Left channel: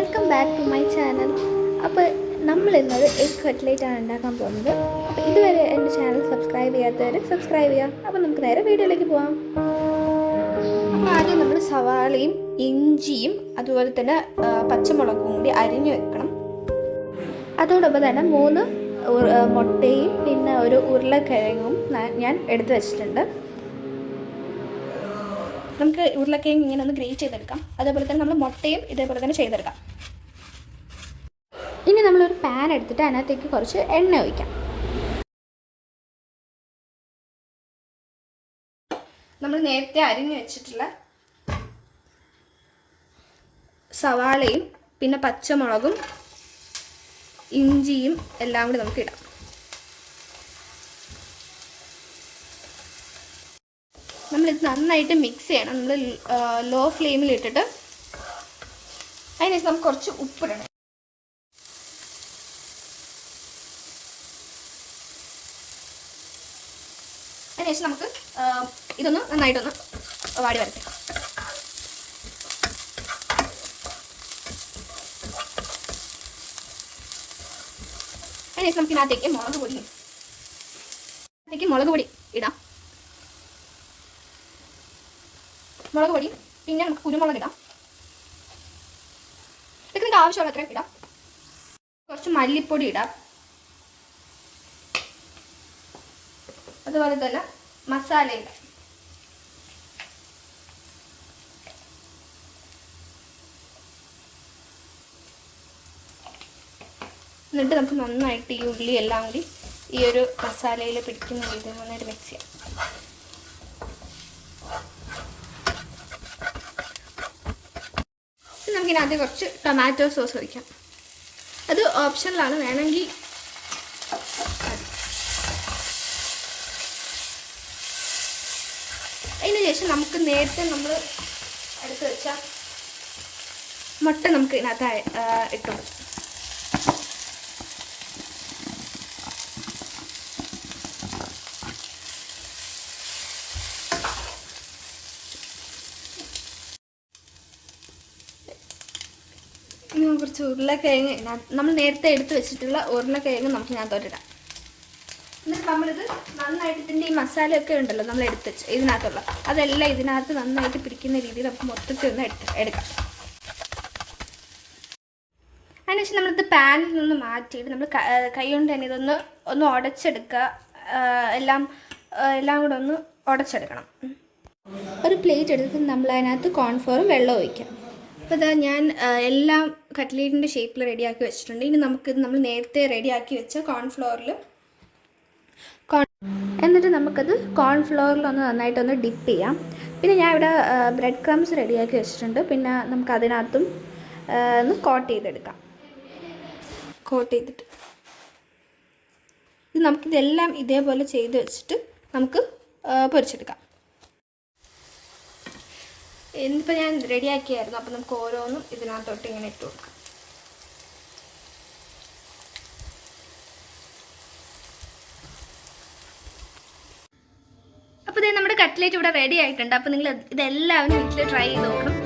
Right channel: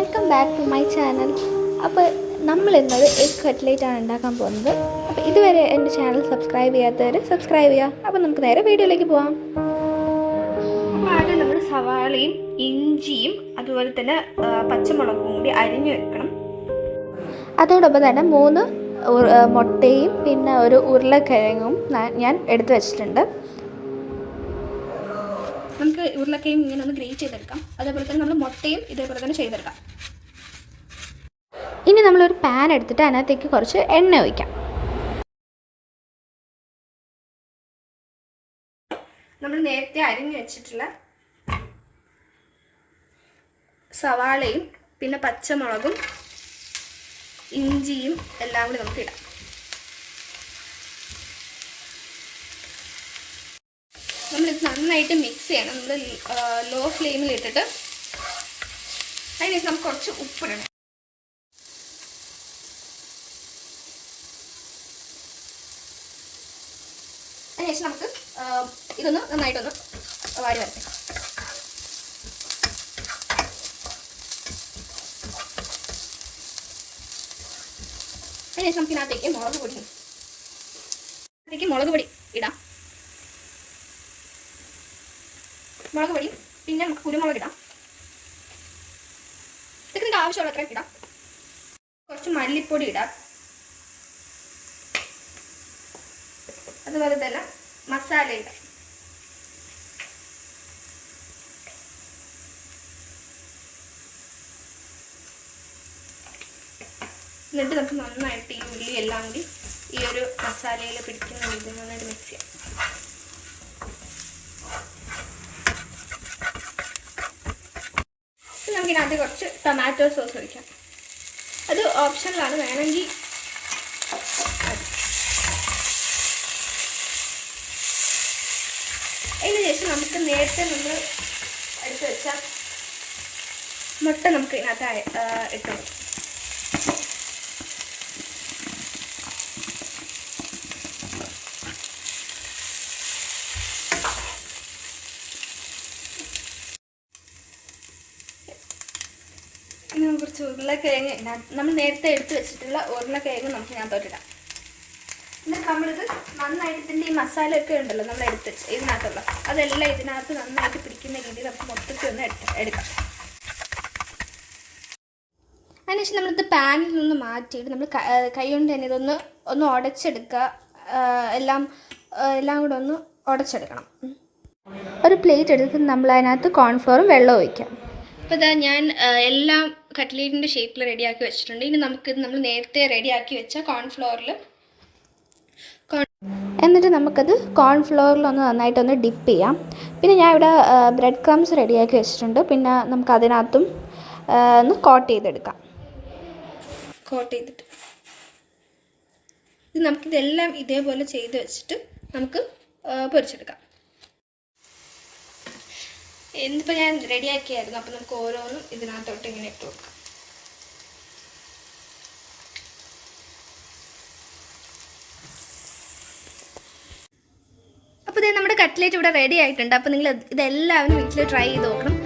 Welcome back to my channel. അപ്പോൾ നമ്മളിന്നത് egg കട്ട്ലേറ്റാണ് ഉണ്ടാക്കാൻ പോകുന്നത്. അപ്പോൾ ഇതുവരെ എൻ്റെ ചാനൽ സബ്സ്ക്രൈബ് ചെയ്യാത്തവർ സബ്സ്ക്രൈബ് ചെയ്യുക. അപ്പോൾ നമുക്ക് നേരെ വീഡിയോയിലേക്ക് പോകാം. ആദ്യം നമ്മൾ സവാളയും ഇഞ്ചിയും അതുപോലെ തന്നെ പച്ചമുളകും കൂടി അരിഞ്ഞു വെക്കണം. അതോടൊപ്പം തന്നെ 3 മുട്ടയും പിന്നെ ഒരു ഉരുളക്കിഴങ്ങും ഞാൻ എടുത്തു വെച്ചിട്ടുണ്ട്. നമുക്ക് ഉരുളക്കിഴങ്ങ് ഇങ്ങനെ ഒന്ന് ഗ്രേറ്റ് ചെയ്തെടുക്കാം. അതേപോലെ തന്നെ നമ്മൾ മുട്ടയും ഇതേപോലെ തന്നെ ചെയ്തെടുക്കാം. ഇനി നമ്മളൊരു പാൻ എടുത്തിട്ട് അതിനകത്തേക്ക് കുറച്ച് എണ്ണ ഒഴിക്കാം. നമ്മൾ നേരത്തെ അരിഞ്ഞു വെച്ചിട്ടുള്ള സവാളയും പിന്നെ പച്ചമുളകും ഇഞ്ചിയും എല്ലാം കൂടി നമുക്ക് ഇടാം. നമ്മളിത് നന്നായിട്ട് മിക്സ് ചെയ്യണം. നമ്മൾ ലോ ഫ്ലെയിമിൽ ഇട്ടിട്ട് അതിനകത്ത് നമുക്ക് കുറച്ച് ഉപ്പിടണം. അതിനുശേഷം നമുക്ക് ഇതൊന്ന് നന്നായിട്ടൊന്ന് വാടി വരച്ചേക്കാം. അതിനുശേഷം നമുക്ക് ഇതിനകത്തേക്ക് മുളക് പൊടി ഇടാം. മുളക് പൊടി പിന്നെ നമുക്ക് കുരുമുളക് ഇടാം. ഇതൊക്കെ നിങ്ങൾക്ക് ആവശ്യമുള്ള അത്രയും ഇടാം. കുറച്ച് മല്ലിപ്പൊടി ഇടാം. അതുപോലെ തന്നെ മസാല ഇടാം. എന്നിട്ട് നമുക്ക് നന്നായിട്ട് ഈ ഉള്ളി എല്ലാം കൂടി ഈ ഒരു മസാലയിൽ പിടിക്കുന്ന രീതിയിൽ നന്നായിട്ട് മിക്സ് ചെയ്യാം. നമുക്കിനകത്ത് കുറച്ച് ടൊമാറ്റോ സോസ് ഒഴിക്കാം. അത് ഓപ്ഷണലാണ്, വേണമെങ്കിൽ. അതിന് ശേഷം നമുക്ക് നേരത്തെ നമ്മൾ എടുത്ത് വെച്ച മുട്ട നമുക്ക് ഇതിനകത്ത് ഇട്ടു. കുറച്ച് ഉരുളക്കിഴങ്ങ് നമ്മൾ നേരത്തെ എടുത്ത് വെച്ചിട്ടുള്ള ഉരുളക്കിഴങ്ങ് നമുക്ക് ഇതിനകത്തോട്ടിടാം. എന്നിട്ട് നമ്മളിത് നന്നായിട്ട് ഇതിൻ്റെ ഈ മസാലയൊക്കെ ഉണ്ടല്ലോ നമ്മൾ എടുത്ത് വെച്ച് ഇതിനകത്തുള്ള അതെല്ലാം ഇതിനകത്ത് നന്നായിട്ട് പിടിക്കുന്ന രീതിയിൽ നമുക്ക് മൊത്തത്തിൽ ഒന്ന് എടുക്കാം. അതിനുശേഷം നമ്മളിത് പാനിൽ നിന്ന് മാറ്റിയിട്ട് നമ്മൾ കൈ കൊണ്ട് തന്നെ ഒന്ന് ഉടച്ചെടുക്കുക. എല്ലാം കൂടെ ഒന്ന് ഉടച്ചെടുക്കണം. ഒരു പ്ലേറ്റ് എടുത്തിട്ട് നമ്മൾ അതിനകത്ത് കോൺഫ്ലോറും വെള്ളം ഒഴിക്കാം. അപ്പോൾ ഇതാ ഞാൻ എല്ലാം കട്ട്ലേറ്റിൻ്റെ ഷേപ്പിൽ റെഡിയാക്കി വെച്ചിട്ടുണ്ട്. ഇനി നമ്മൾ നേരത്തെ റെഡിയാക്കി വെച്ച എന്നിട്ട് നമുക്കത് കോൺഫ്ലോറിലൊന്ന് നന്നായിട്ടൊന്ന് ഡിപ്പ് ചെയ്യാം. പിന്നെ ഞാൻ ഇവിടെ ബ്രെഡ് ക്രംസ് റെഡിയാക്കി വെച്ചിട്ടുണ്ട്. പിന്നെ നമുക്ക് അതിനകത്തും ഒന്ന് കോട്ട് ചെയ്തെടുക്കാം. കോട്ട് ചെയ്തിട്ട് നമുക്കിതെല്ലാം ഇതേപോലെ ചെയ്ത് വെച്ചിട്ട് നമുക്ക് പൊരിച്ചെടുക്കാം. എന്നിപ്പോൾ ഞാൻ റെഡിയാക്കിയായിരുന്നു. അപ്പോൾ നമുക്ക് ഓരോന്നും ഇതിനകത്തോട്ട് ഇങ്ങനെ ഇട്ട് കൊടുക്കാം. അപ്പോൾ ഇത് നമ്മുടെ കട്ട്ലേറ്റ് ഇവിടെ റെഡി ആയിട്ടുണ്ട്. അപ്പോൾ നിങ്ങൾ ഇതെല്ലാവരും വീട്ടിൽ ട്രൈ ചെയ്ത് നോക്കണം.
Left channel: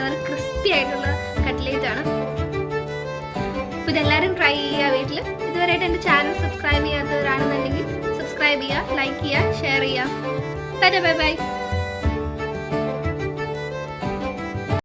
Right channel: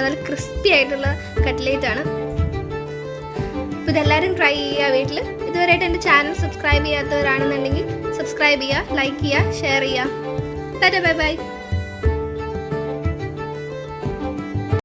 നല്ല ക്രിസ്പി ആയിട്ടുള്ള കട്ട്ലേറ്റാണ്. അപ്പോൾ ഇതെല്ലാവരും ട്രൈ ചെയ്യുക വീട്ടിൽ. ഇതുവരെയായിട്ട് എൻ്റെ ചാനൽ സബ്സ്ക്രൈബ് ചെയ്യാത്തവരാണെന്നുണ്ടെങ്കിൽ സബ്സ്ക്രൈബ് ചെയ്യുക, ലൈക്ക് ചെയ്യുക, ഷെയർ ചെയ്യുക. Bye bye.